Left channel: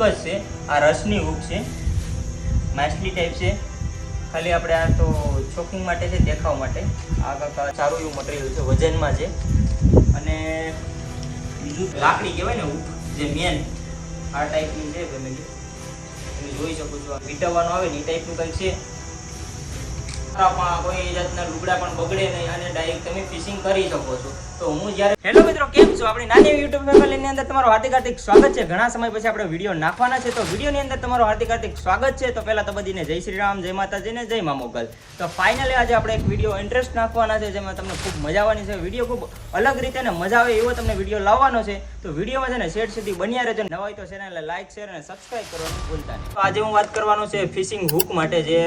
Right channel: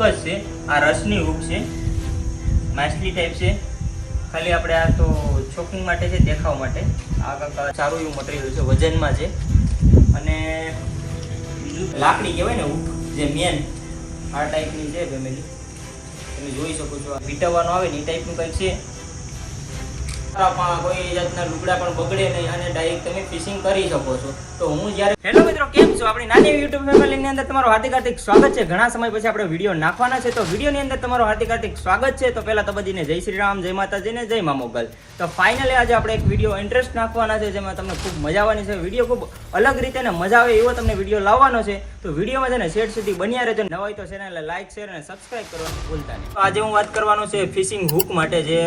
Hook જ છે, આ રસની હુક છે, માછલી ટાઈપ છે. ખાલી આપણે આ તો ચોકિંગ માટે છે, દેખાવ માટે. આ કાંક સારું એવું મટીરિયલ છે, વજનમાં છે. અને બીજું લાકડી કહેવાય ને હુક, જે મેન આ ટાઈપની છે ફેમિલી, તમે જોઈ શકો છો. વીંટવવાનો આવે ને એ ટાઈપનું કંઈક છે. કોઈ જાતના લુગડા પણ બગડે નહીં અને ડાયરેક્ટ તમે ફિશિંગ કરી શકો છો. તો હું જ્યારે હેલો મિત્રો, કેમ છો? આપણી નાની યુટ્યુબ ફેમિલીની અંદર તમારું હાર્દિક સ્વાગત છે. ઘણા સમય પછી આપણે વિડીયો નાખવાના છે, તો વિડીયોની અંદર તમારું હાર્દિક સ્વાગત છે. તો પહેલા તો બધીને જય શ્રી રામ, જય માતાજી ને જય મા મોગલ. તો ફાઇનલી આજે આપણે એક વિડીયો ઇન્ટરેસ્ટ નાખવાના છે, જેમાં તમને ખૂબ મજા આવવાની છે. વિડીયો ખૂબ અલગ રીતે ને મજા આવે એવો તમને વિડીયો લાવવાનો છે. તો વિડીયોમાં છે ને શેર સુધી બન્યા રહેજો. નવા હોય તો ચેનલને લાઈક, શેર અને સબસ્ક્રાઇબ કરવાનું ભૂલતા નહીં. તો આજે હું વાત કરવાનો છે ફિશિંગ હુક માટે. જે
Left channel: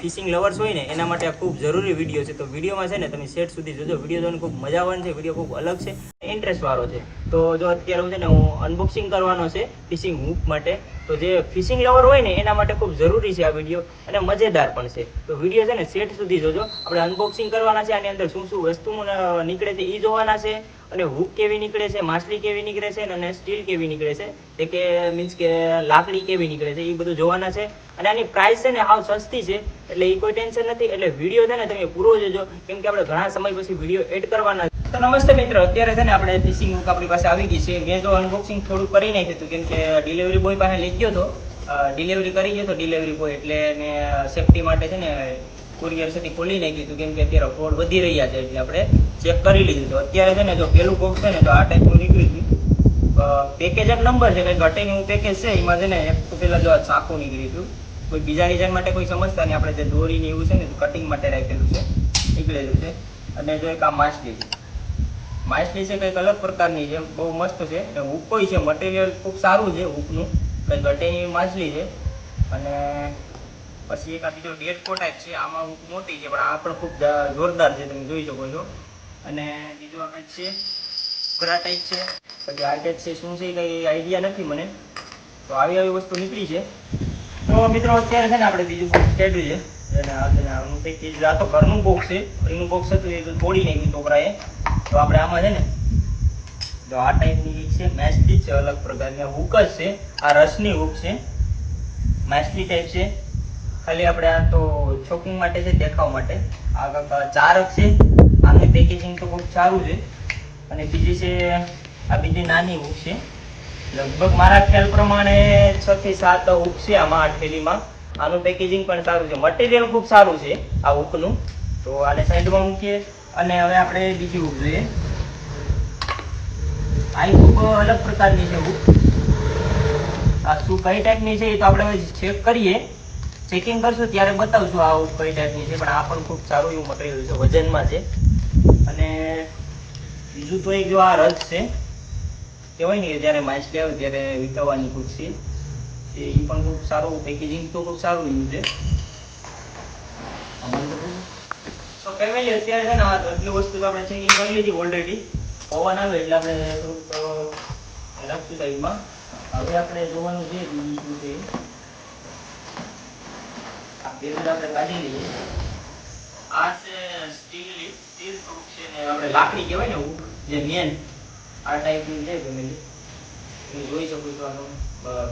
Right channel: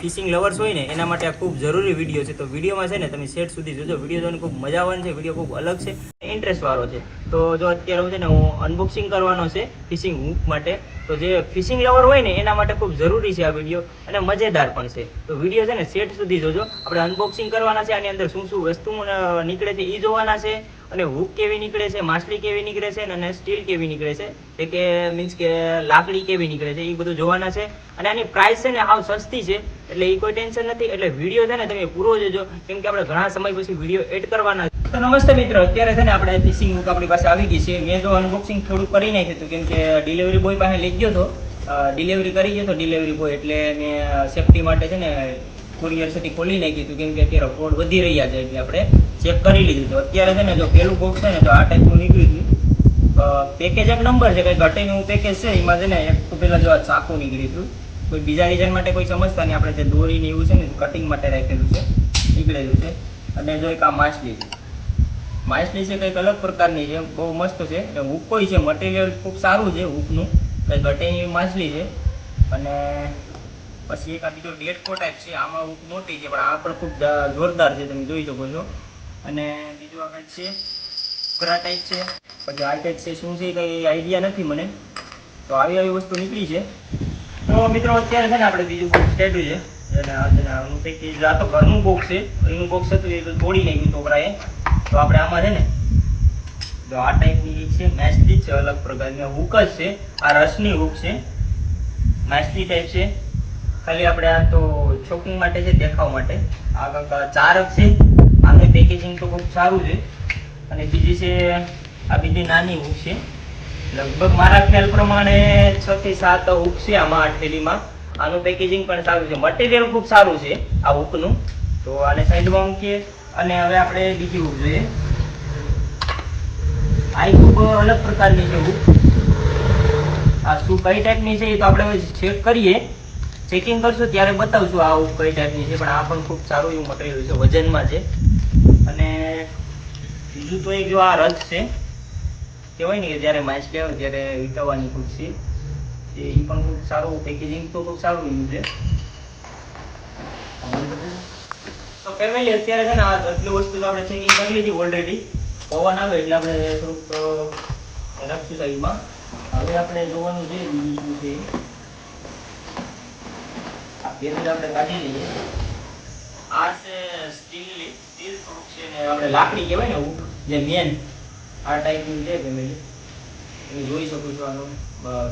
ફિશિંગ લવર્સ હોય ને એના માટે આ ખૂબ જરૂરી વિડીયો છે. તો વિડીયોમાં છે ને તમે શેર સુધી જોજો. વિડીયો જોઈને ખૂબ મજા આવવાની છે. વિડીયો ખૂબ અલગ છે, ઇન્ટરેસ્ટ વાળો છે. તો જો અત્યારે છે ને હું અનબોક્સિંગ કરવાનો છે ફિશિંગ હુક માટે. તો જે ફિશિંગ લવર હોય ને એના માટે ખૂબ જરૂરી છે આ વિડીયો, અને મજેદાર પણ છે. તો વિડીયો છે ને સેટ સુધી જોજો. આપણે અનબોક્સિંગ કરવાના છે, આની અંદર શું શું વસ્તુ નીકળે છે એ જોવાના છે, અને હુક કેવી નીકળે છે, માછલી કેવી નીકળે છે, અને સ્ટીલ કેવી નીકળે છે, તે કે મીન્સ કે લાકડી કેવી નીકળે છે, એ બધું જોવાના છે. અને આની પ્રાઇસ છે ને હાવ સસ્તી છે, એટલે એ કોઈ ટેન્શન નથી. એટલે વિડીયો છે ને તમે પૂરો જોજો, કેમ કે આપણે ઘણા સમય પછી વિડીયો એડ કરવાના. તો નમસ્તે મિત્રો, અત્યારે છે ને આપણે ફિશિંગ હુક આપણી પાસે આવી ગઈ છે. મેં જો અનબોક્સિંગ થોડું કરી નાખ્યું હતું, કેમ કે ડિલિવરી બોય પાસે લઈ ગયો હતો, ડિલિવરી કરી ગયો હતો ડિલિવરી બોય, એટલે મેં સેફટી માટે છે ને કુરિયર સુધી ખોલી નાખ્યું હતું, કેમ કે અત્યારે ફ્રોડ વધી રહ્યા છે, એટલે આપણે ચેક કરી લીધું. તો અત્યારે છે ને જો પેલું બોક્સ છે ને તો આ ટાઈપનું નીકળ્યું હતું. પેકેજ એક નંબર છે, કંઈ ઘટેનું પેકેજ છે. એમાં છે ને એક તો પેલા જો આ ચાકુ નીકળ્યું હતું. કોઈ બીજા રીઝન માટે કોઈ સમજતા નહીં, આપણે જે દોરીને એવું છે ને કટિંગ માટે રાખેલું છે, નીકળેલું છે. અને જો એક આ માછલી છે, માછલી છે કંઈક અલગ પ્રકારની છે, બહુ મસ્ત છે. હુક હોય છે, મટીરિયલ ખૂબ સારું છે હુકનું, કંઈ ઘટેની માછલી છે. અને પછી એક આ બીજો ડેટકો ટાઈપ છે, આમાં હુક મોટી છે, પણ આ પણ ખૂબ જોરદાર છે, તમે જોઈ શકો છો. અને બીજો આ છે ઘોડા ટાઈપ છે. પછી આ ટાઈપ છે, શું છે કંઈ આઈડિયા નથી મને. તો આવી વસ્તુ નીકળી છે. તો મિત્રો અત્યારે છે ને આપણે બીજું બોક્સ કાઢ્યું છે, આ તો ઘરનું બોક્સ છે. એનું બોક્સ હતું એ તોડી નાખ્યું છોકરાએ. તો આપણે આમાં છે ને જો આ ટાઈપની છે માછલી છે, અલગ પ્રકારની હુક જ છે. આ રસની હુક છે, માછલી ટાઈપ છે. ખાલી આપણે આ તો ચોકિંગ માટે છે, દેખાવ માટે. આ કાંક ચારક છે. આનું પેકેજિંગ તો ખૂબ સારું છે. અને બીજી છે આ બીજી નાની હુક છે. લગભગ મારા ખ્યાલ પ્રમાણે 6 થી 7 હુક છે આમાં આ થેલીમાં. આનું પેકેજિંગ પણ સારું છે, મટીરિયલ ખૂબ સારું છે આ હુકનું. તો આને સાઈડમાં મૂકીએ અને હવે આપણે બીજી હુક જોઈએ. આ હુક અલગ પ્રકારની છે હુક. આ શું કઈ ટાઈપની છે એ તો આપણે ચેક કરીએ, ચેકિંગ કરશું ત્યારે બતાવશું આ હુક કઈ ટાઈપની છે. પણ આ પણ ખૂબ સારું એવું મટીરિયલ છે, વજનમાં છે. અને બીજું તો એક જો આ રસ છે, કહેવાય ને કે જ્યારે માછલી આવે ત્યારે વીંટવવાની હુક છે, એ પણ ખૂબ સારું પેકેજિંગ તો ખૂબ સારું એવું છે. તો ફેમિલી અત્યારે છે ને આ આટલી વસ્તુ આપણે ચેકિંગ કરી લીધી ઓલરેડી. પવન આવે એટલે આપણે થોડુંક રાખશું સાઈડમાં. હવે આપણે જોવાનું છે બીજું શું છે. આ બેરલ આપણે કાઢી લઈએ. આ છે સ્ટીલ હુક છે ને આપણે લાકડી કહેવાય ને હુક, જે મેન આ ટાઈપની છે. તમે જોઈ શકો છો આનું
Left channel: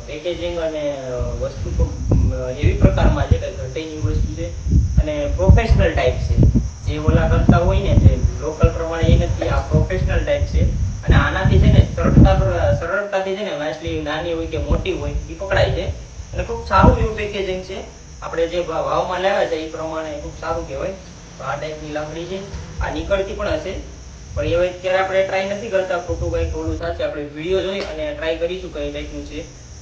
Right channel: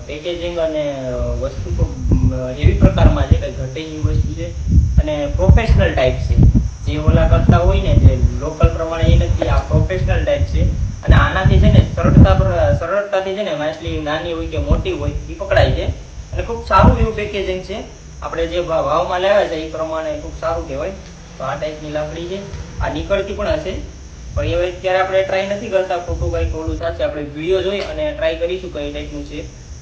પેકેજિંગ અને વસ્તુ તો એવી પ્રકારમાં છે, કંઈ ઘટે એવી વસ્તુ છે. અને પ્રોફેશનલ ટાઈપ છે, જે ઓલા કરતા હોય ને જે લોકલ પ્રમાણે એ નથી, આ પ્રોફેશનલ ટાઈપ છે. અને આનાથી છે ને સરળતાથી છે ને માછલી નાની હોય કે મોટી હોય એ પકડાય છે. અને ખૂબ સારું એવું પેકેજિંગ છે. આપણે જે ભાવમાં લેવા છે એ પ્રમાણે ખૂબ સારું કહેવાય. તો આ ટાઈપની લાકડી છે. આ નીકળતી પણ હશે, પણ હવે અત્યારે આપણે ટ્રાય નથી કરતા. ખોટું કંઈક ઓલું થશે. આપણે વિડીયો જોઈ અને ટ્રાય કરીશું કઈ ટાઈપનું છે.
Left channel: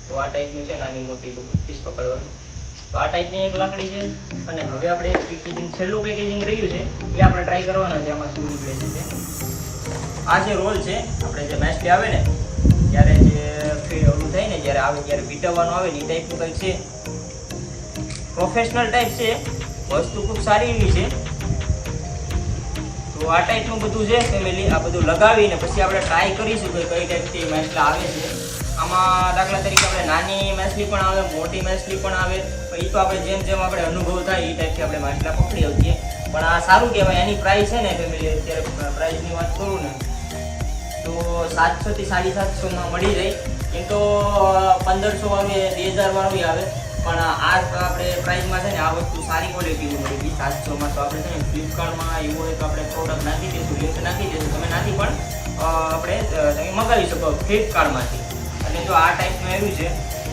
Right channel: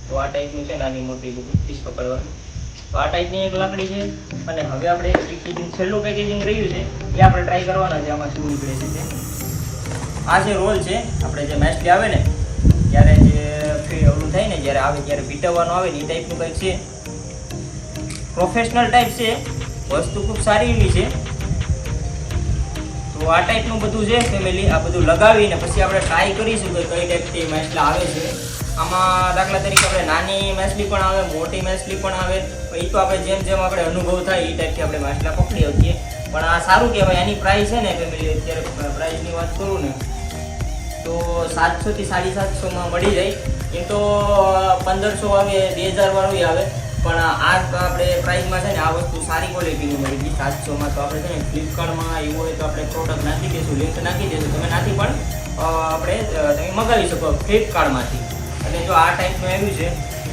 તો આ ટાઈપનું છે, નાની મોટી ફિશ પકડવાનું. તો આ ટાઈપની એક લાકડી છે. અને હવે આપણે પેકેજિંગ છેલ્લું પેકેજિંગ રહ્યું છે એ આપણે ટ્રાય કરવાના છે. આમાં શું નીકળે છે. આ જે રોલ છે, આપણે જે માછલી આવે ને ત્યારે જે ઓલું થાય ને, જ્યારે આવે ત્યારે વીંટવવાનું આવે ને એ ટાઈપનું કંઈક છે. પ્રોફેશનલ ટાઈપ છે, વસ્તુ ખૂબ સારી એવી છે. તો આ ટાઈપનું બધું છે ફેમિલી. આ બધું લગાવીને પછી આપણે ટ્રાય કરીશું કે કઈ ટાઈપથી માછલા આવે છે. આમાં દાખલા તરીકે આપણે નાની માછલી પણ આવે, મોટી માછલી પણ આવે. એ તો આપણે જેમ જેમ આપણે અનુભવ થાય એ ટાઈપથી આપણે માછલા પકડી શકીએ. પણ આ સારું કહેવાય. એની પ્રાઇસ છે ને ફેમિલી, અત્યારે પ્રાઇસની વાત કરું ને તો 700 થી 750 માં મળી જાય. એ તો 1500 આવે, 2000 વાળું આવે, પણ આ આપણે પ્રાઇસમાં છે ને આ વસ્તુ સારી ક્વોલિટીની મળી ગઈ 700 માં. તો આપણે છે ને ફ્લિપકાર્ટમાં એવું હોય તો આપણે પ્રોડક્ટ નાખી દઈશું, લિંક નાખી દઈશું, તમે નાખી પણ આપણે તમે મંગાવી શકો ફ્લિપકાર્ટમાંથી. અને જો આ ટાઈપનું આવ્યું છે,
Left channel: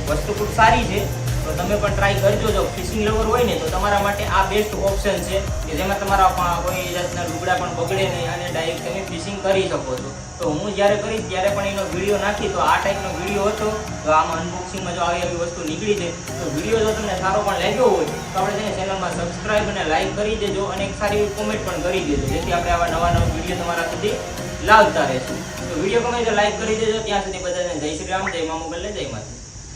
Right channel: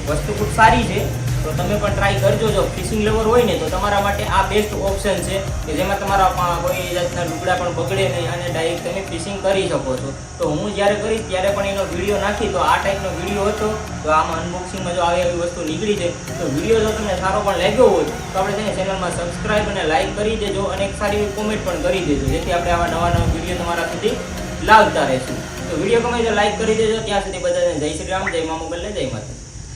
વસ્તુ ખૂબ સારી છે, તો તમે પણ ટ્રાય કરજો. જો ફિશિંગ લેવર હોય ને તો તમારા માટે આ બેસ્ટ ઓપ્શન છે કે જેમાં તમારા કોઈ જાતના લુગડા પણ બગડે નહીં અને ડાયરેક્ટ તમે ફિશિંગ કરી શકો છો. તો હું જ્યારે કરીશ ત્યારે પણ એનો વિડીયો નાખી, તો આ ટાઈપનો વિડીયો હતો. તો આમાં અનબોક્સિંગમાં જો આવી એવી વસ્તુ નીકળી છે, તો વિડીયો જો તમને સારો પણ લાગ્યો હોય તો આપણે તેને ચેનલમાં સબસ્ક્રાઈબ અને લાઈક કરી દેજો અને એક સારી એવી કોમેન્ટ પણ કરી દેજો, જેથી આપણે આવા નવા નવા વિડીયો તમારા સુધી લાવતા રહીશું. તો વિડીયો ગમે તો લાઈક કરી દેજો. ત્યાં સુધી બધાને જય શ્રી રામ, જય મા મોગલને, જય માતા.